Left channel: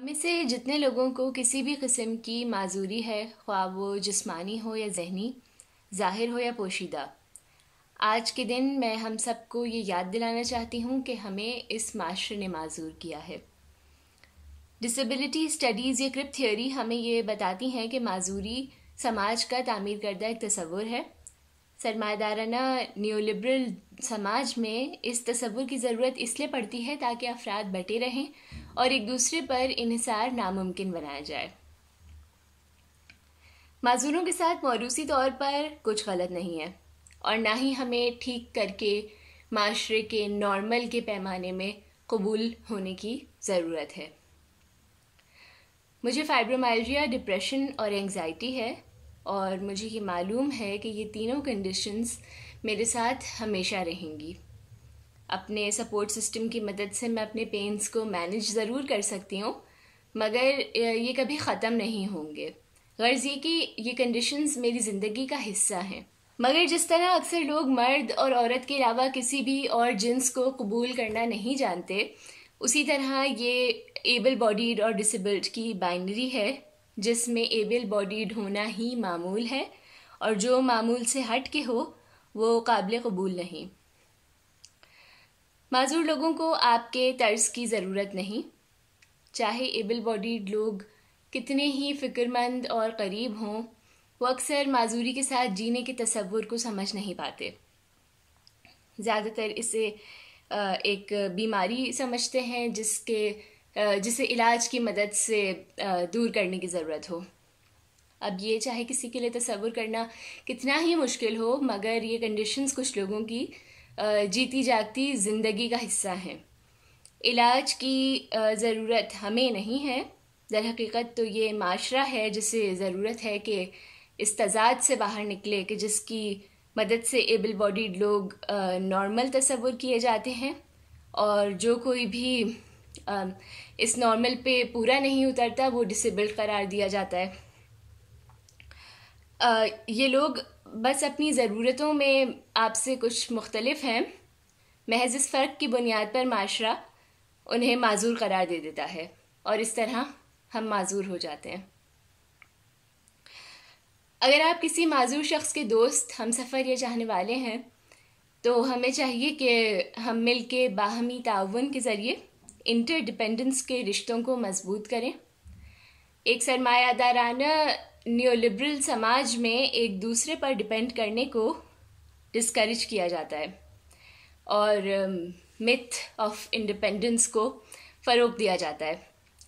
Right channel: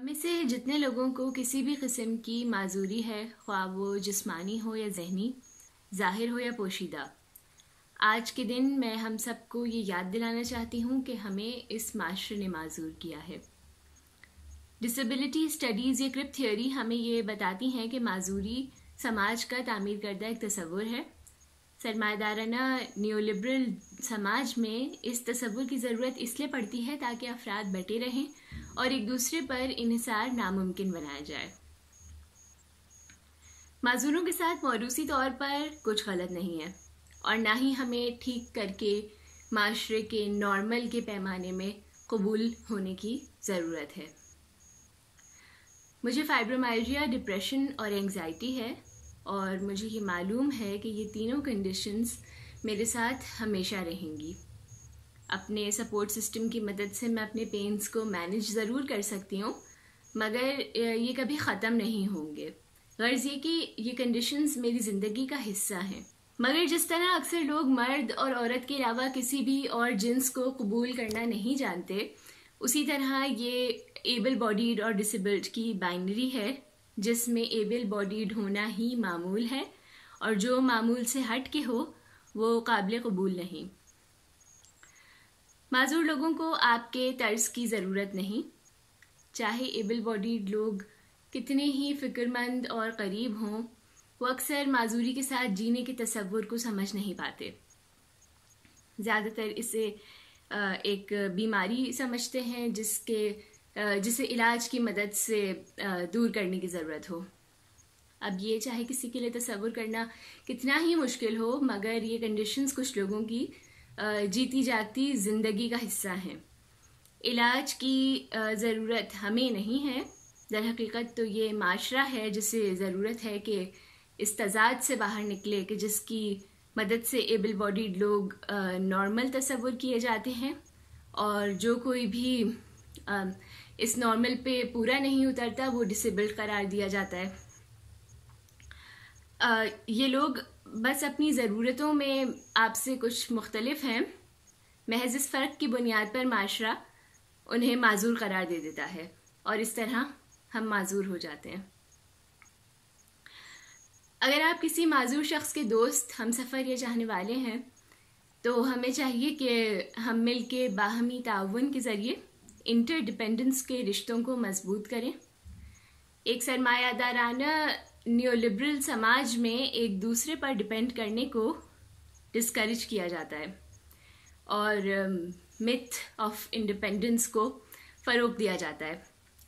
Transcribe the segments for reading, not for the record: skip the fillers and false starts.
ہم میں سے جتنے لوگوں کو کسی بھی قسم کی معذوری ہے، خواہ وہ جسمانی ہو یا ذہنی، ظاہر ہو یا پوشیدہ، آج کے دن میں ہم سب کو یہ یاد دلانا چاہتی ہوں کہ ہمیں اس معاشرے نے معذور کیا ہے۔ ڈسیبلٹی اسٹڈیز یا کرپ تھیوری ہمیں یہ بتاتی ہیں کہ معذوری سماج کا تعمیر کردہ ایک تصور ہے۔ سرمایہ دارانہ نیو لبرل سماج میں اس تصور کی ضرورت اس لیے پڑتی ہے تاکہ افراد بٹے رہیں اور ایک دوسرے پر انحصار ناممکن بنایا جائے۔ معذوروں کے ساتھ موروثی طور پر کچھ غلط نہیں ہے اور نہ ہی ہمیں ٹھیک کر کے معاشرے کے نارمل کے پیمانے میں قبول ہونے کی ضرورت ہے۔ مجھے فائبرومائلجیا، ڈپریشن اور اینگزائٹی ہے اور مجھے یہ معلوم ہے کہ یہ تینوں کنڈیشنز میرے ساتھ ہمیشہ رہیں گی۔ اپنے سپورٹ سسٹم کی مدد سے میں اپنے پینز کو مینج ضرور کر سکتی ہوں، مگر یہ کبھی ختم نہیں ہوں گے۔ غرض یہ کہ یہ کنڈیشنز میری زندگی کا حصہ ہیں۔ مگر جس طرح اکثر لوگ مرد اور عورت کے علاوہ کسی بھی اور جنس کو قبول کرنا نہیں جانتے، اسی طرح یہ ایبل باڈیڈ اور ڈسیبلڈ کی بائنری ہے، جس میں ایبل باڈیڈ ہونا ہی معمول ہے اور جو معمول سے ہٹ کے ہو وہ قابل قبول نہیں۔ معذور لوگوں کو آپ کے طرز کی ضرورت نہیں، چاہے ایبل باڈیڈ لوگ کتنے ہی فکر مند اور قریب ہوں، وہ اکثر معذوری کے ساتھ جینے کے تصور کو سمجھ نہیں پاتے۔ زیادہ تر اسے ایک بیماری سمجھتے ہیں جسے علاج کی مدد سے دور کرنے کی ضرورت ہو۔ اب یہ چاہے کسی کے لیے تصور کرنا کتنا ہی مشکل ہو، مگر یہ کنڈیشنز کچھ لوگوں کی جیتی جاگتی زندگی کا حصہ ہیں۔ علاج کی ضرورت ہمیں نہیں ہے، در حقیقت تو یہ معاشرہ ہے جسے ضرورت ہے کہ اس تضاد سے باہر نکلے کہ جس کی مدد سے ایبل باڈیڈ لوگ نارمل تصور کیے جاتے ہیں اور جو کوئی بھی اس نارمل پہ پورا نہیں اترتا وہ ڈسیبلڈ قرار دیا جاتا ہے۔ یہ لوگ بس اپنی ضرورتوں میں آپ سے کچھ مختلف ہیں، محض اس فرق کی بنیاد پر معاشرہ انہیں معذور قرار دے دیتا ہے اور اس طرح ہم معذور ہو جاتے ہیں۔ اگر آپ کسی معذور شخص کے دوست، ہم سفر یا چاہنے والے ہیں تو ہمیں چاہیے کہ ہم مل کے باہمی تعاون کے ذریعے انٹر ڈیپینڈنس کے رشتوں کو مضبوط کریں۔ ایک سرمایہ دارانہ نیو لبرل سماج میں ایک دوسرے پر ڈیپینڈ کرنے کو ڈسکریج کیا جاتا ہے اور متھ آف انڈیپینڈنس کو فروغ دیا جاتا ہے۔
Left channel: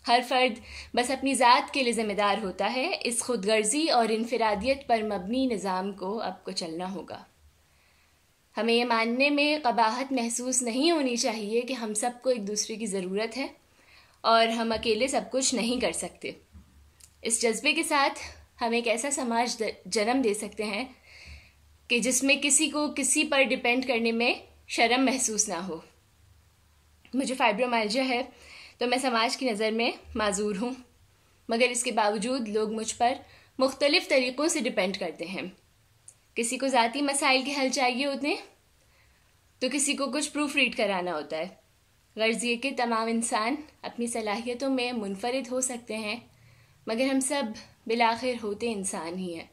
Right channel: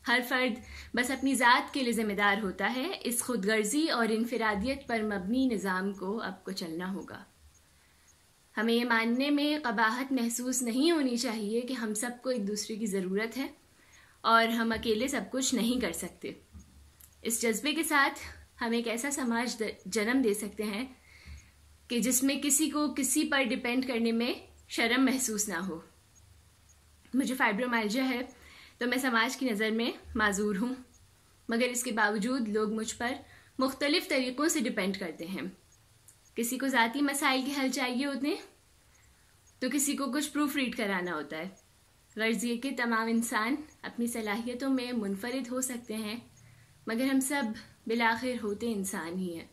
ہر فرد بس اپنی ذات کے لیے ذمہ دار ہوتا ہے۔ اس خود غرضی اور انفرادیت پر مبنی نظام کو اب کو چلنا ہوگا۔ ہمیں یہ ماننے میں قباحت محسوس نہیں ہونی چاہیے کہ ہم سب کو ایک دوسرے کی ضرورت ہے اور ہم اکیلے سب کچھ نہیں کر سکتے۔ اس جذبے کے ساتھ ہم ایک ایسا سماج جنم دے سکتے ہیں کہ جس میں کسی کو کسی پر ڈیپینڈ کرنے میں شرم محسوس نہ ہو۔ مجھے فائبرومائلجیا ہے تو میں سماج کی نظر میں معذور ہوں، مگر اس کے باوجود لوگ مجھ پر مختلف طریقوں سے ڈیپینڈ کرتے ہیں۔ کسی کو ذاتی مسائل کے حل چاہیے ہوتے ہیں تو کسی کو کچھ پروف ریڈ کرانا ہوتا ہے۔ غرض یہ کہ تمام انسان اپنی صلاحیتوں میں منفرد ہو سکتے ہیں، مگر ہم سب بالآخر ہوتے انسان ہی ہیں۔